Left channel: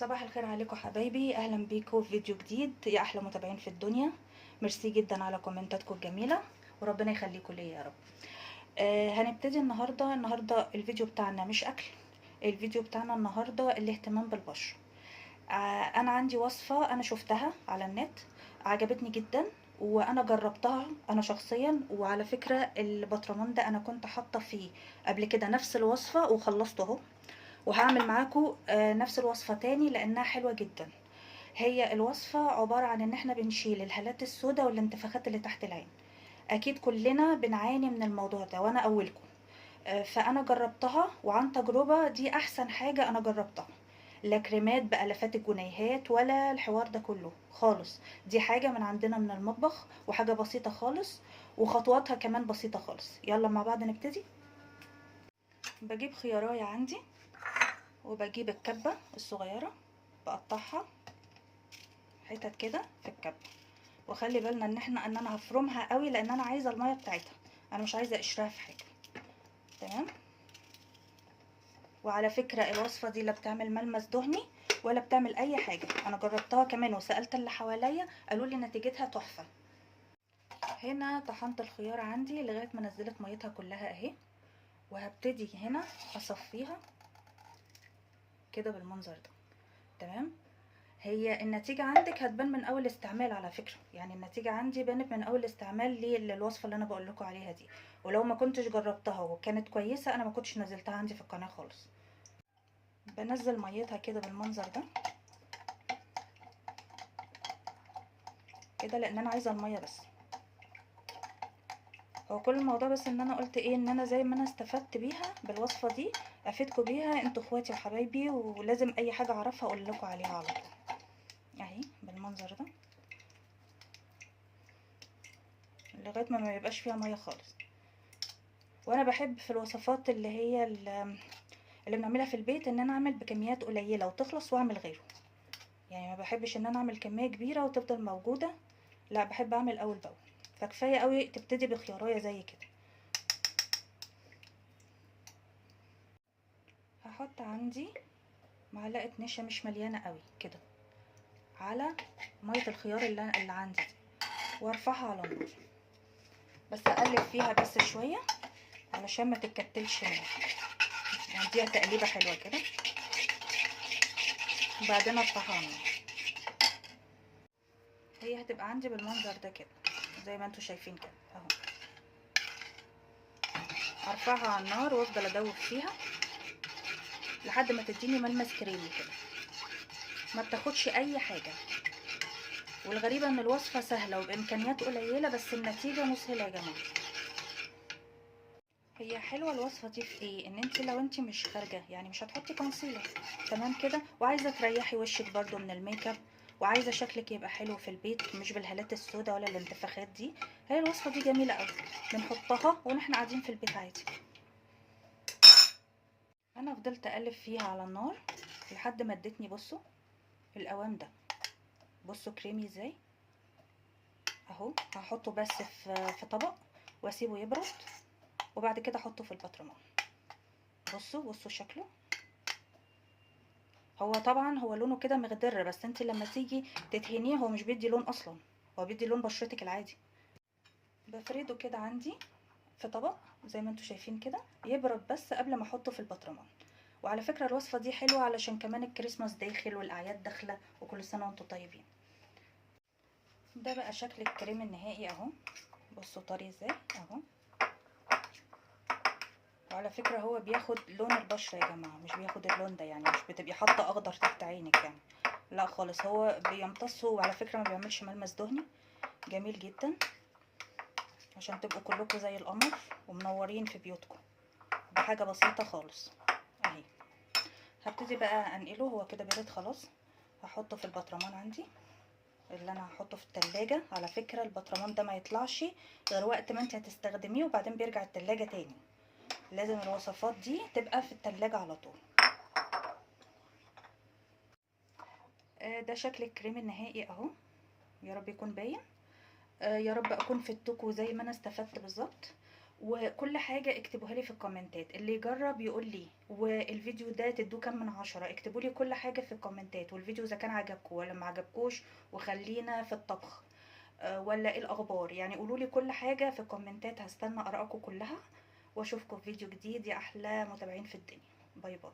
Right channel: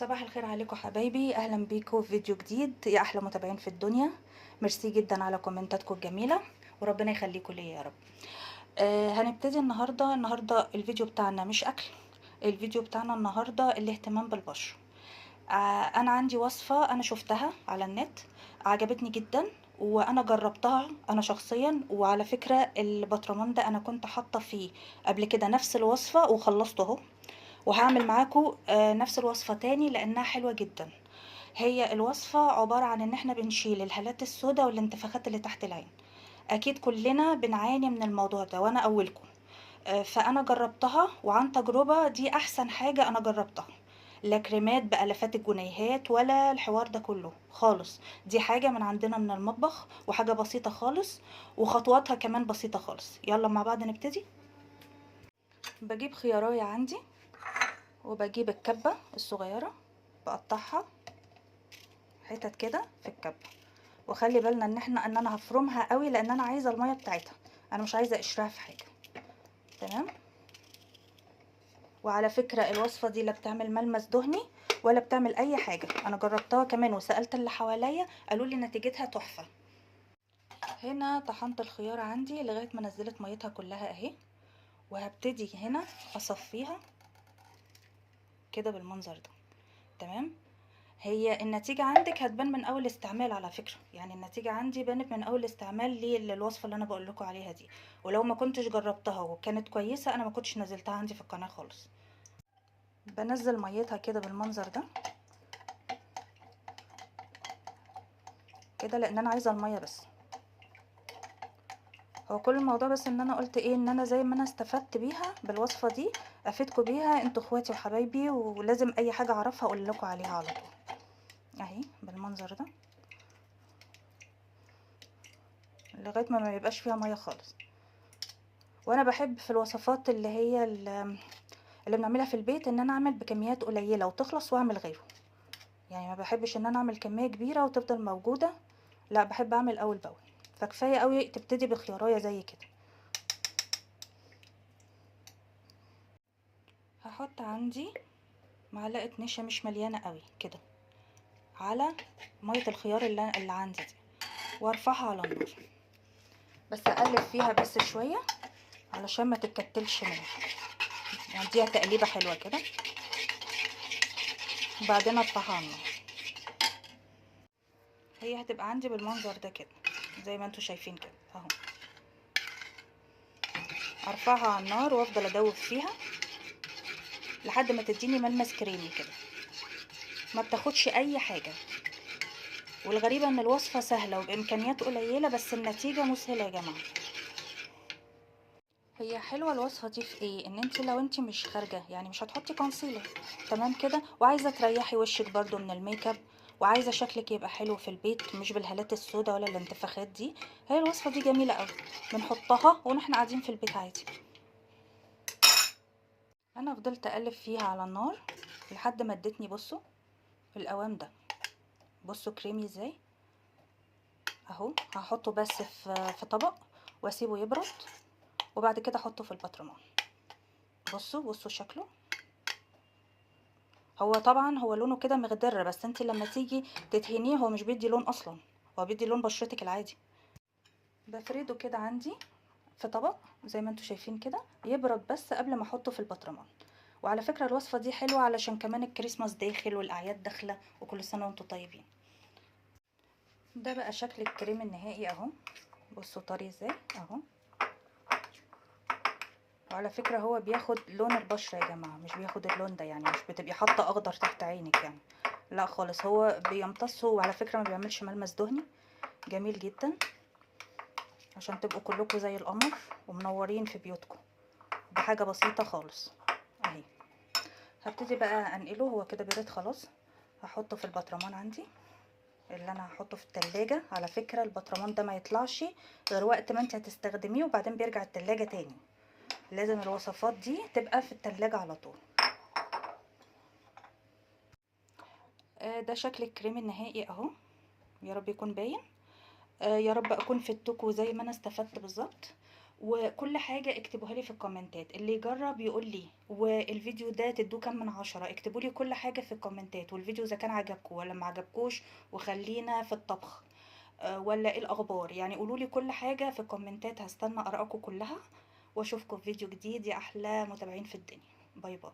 صباح الخير عليكم حبايبي، اهلا بيكم في فيديو جديد يا احلى متابعين في الدنيا. ميرسي جدا على كومنتاتكم الجميله وربنا يخليكم ليا يا رب. هنبتدي النهارده الفيديو بتاعنا مش اكل. الفيديو بتاعنا النهارده الاهتمام بالبشره. انا عندي وصفه انا شفتها على النت، عجبتني جدا وانا جربتها انا شخصيا. وعلى فكره البطرمان ده انا كنت حاطه فيه قبل كده نفس الوصفه وخلصته اهو، وهعمل معاكم نفس الوصفة تاني لانها حلوة جدا. هي الوصفة عبارة عن ان احنا بنشيل الهالات السوداء والانتفاخات اللي تحت العين. اكيد كلنا بنعاني من الموضوع ده وانا اولكم. فانا جربتها وعن تجربة دي احسن حاجة انا جربتها. لا كريمات بألافات الجنيهات ولا الحوار ده كله خالص. دي حاجة من عندنا من المطبخ وحاجة بسيطة خالص، وخطواتها كمان بسيطة خالص. يلا مع بعض نبتدي. بجيب خيارايه عندي وبجيب الكبة الصغيرة، بقطعها حتت كده في الكبة. وخلي بالنا ان انا هفرمها قوي لان انا عايزة المية بتاعتها، انا مش عايزة قشرها في حاجة. تمام. وعلى فكرة الوصفة دي لا بتعمل ملمس دهني ولا بتعمل اي حاجة. انا جربتها كمان وسألت اللي حواليا قالوا لي نتيجتها تحفة. هنا طحنت الخيار عندي لغاية ما نزلت ميتها كلها اهي، وهبتدي هنا اصفيها كده بالمنظر ده. تمام. هي النتيجة عندك هتبان من اول استعمال على فكرة، يعني النتيجة عندي بانت من اول استعمال للوصفة اللي انا بقول لكم عليها دي. ولو ما كنتش جربتها وكانت كويسة انا ما كنتش نزلتها عندي في القناة خالص. بنزل ميتها كده بالمنظر ده كده لان انا عايزة المية بس. هو كل الموضوع بس ان انا قلت ايه، ان انا زي ما انا استفدت بيها بالوصفة دي افيدكم بيها انتوا اخواتي وحبايبي، ولازم اي حاجة اعرفها اقول لكم عليها على طول. اهي بالمنظر ده لغاية ما يبقاش فيها مية خالص. وانا بحب في الوصفات اللي هي اللي بنعملها في البيت ان انا اعمل بكميات قليله وتخلص واعمل غيره. يعني ما بحبش ان انا اعمل كميه كبيره وتفضل موجوده، لا بحب اعمل اول باول. فكفايه قوي تبتدي بخيارية زي كده. هحط عندي معلقه نشا مش مليانه قوي كده على ميه الخيار اللي عندي دي، وارفعها على النار. بس اقلب فيها بس شويه علشان ما تتكتلش مني، يعني اديها تقليبه حلوه كده وبعدين ارفعها على النار. هي هتبقى عندي بالمنظر ده كده زي ما انتوا شايفين كده اهو. ارفعها على النار وافضل ادوب فيها لحد ما تديني ملمس كريمي كده، ما بتاخدش اي حاجه. والغريبه ان الوصفه سهله وبامكانيات قليله بس النتيجه مسهله يا جماعه. هي حلوه الوصفه دي في ايه، ان انت لو انت مش خارجه يعني مش هتحطي كونسيلر تمام كده، وعايزه تريحي وشك برضو من الميك اب، وعايزه شكلك يبقى حلو في البيت مش بالهالات السوداء ولا الانتفاخات دي، هي الوصفه دي جميله قوي. بنحطها واحنا قاعدين في البيت عادي. انا فضلت اقلب فيها على النار لحد ما ادتني، بصوا القوام ده، بصوا كريمي ازاي اهو. هحطه بس في طبق واسيبه يبرد وبعد كده احطه في البطرمان. بصوا شكله. هو طبعا هو لونه كده مخضر، بس انت لما تيجي تدهنيه هو مش بيدي لون اصلا، هو بيدي لون بشرتك العادي. بفرده كده عندي في طبق زي ما انتوا شايفين كده، يبرد بس قبل ما احطه في البطرمان. وعلى فكرة الوصفة دي حلوة علشان كمان الكريسماس داخل والاعياد داخلة، وكل سنة وانتوا طيبين. ده بقى شكل الكريم النهائي اهو. بصوا طري ازاي اهو. وعلى فكرة هو بياخد لون البشرة يا جماعة، مش بياخد اللون ده، يعني مش بتبقي حاطة اخضر تحت عينك يعني، لا خالص، هو بيمتصه. وعلى فكرة ما بيعملش ملمس دهني، جميل جدا عشان تبقوا كلكم زي القمر ومنورين في بيوتكم بحاجة بسيطة خالص اهي. هبتدي بقى انقله، هو كده برد خلاص. هحطه في البطرمان عندي اللي انا هحطه في التلاجة. على فكرة البطرمان ده ما يطلعش غير وقت ما انت هتستخدميه وبعدين بيرجع التلاجة تاني، لازم الوصفات دي تبقى في التلاجة على طول. ده شكل الكريم النهائي اهو، يا رب يكون باين. يا رب اكون فدتكم زي ما انا استفدت بالظبط. وكل حاجة اكتبوها لي في الكومنتات، اللي يجرب يقول لي والفيديو ده تدوه كام من 10. اكتبوا لي كل حاجة في الكومنتات، والفيديو اذا كان عجبكم ولا ما عجبكوش، وخلينا في الطبخ ولا ايه الاخبار. يعني قولوا لي كل حاجة في الكومنتات، هستنى ارائكم كلها، واشوفكم في فيديو جديد يا احلى متابعين في الدنيا. باي باي.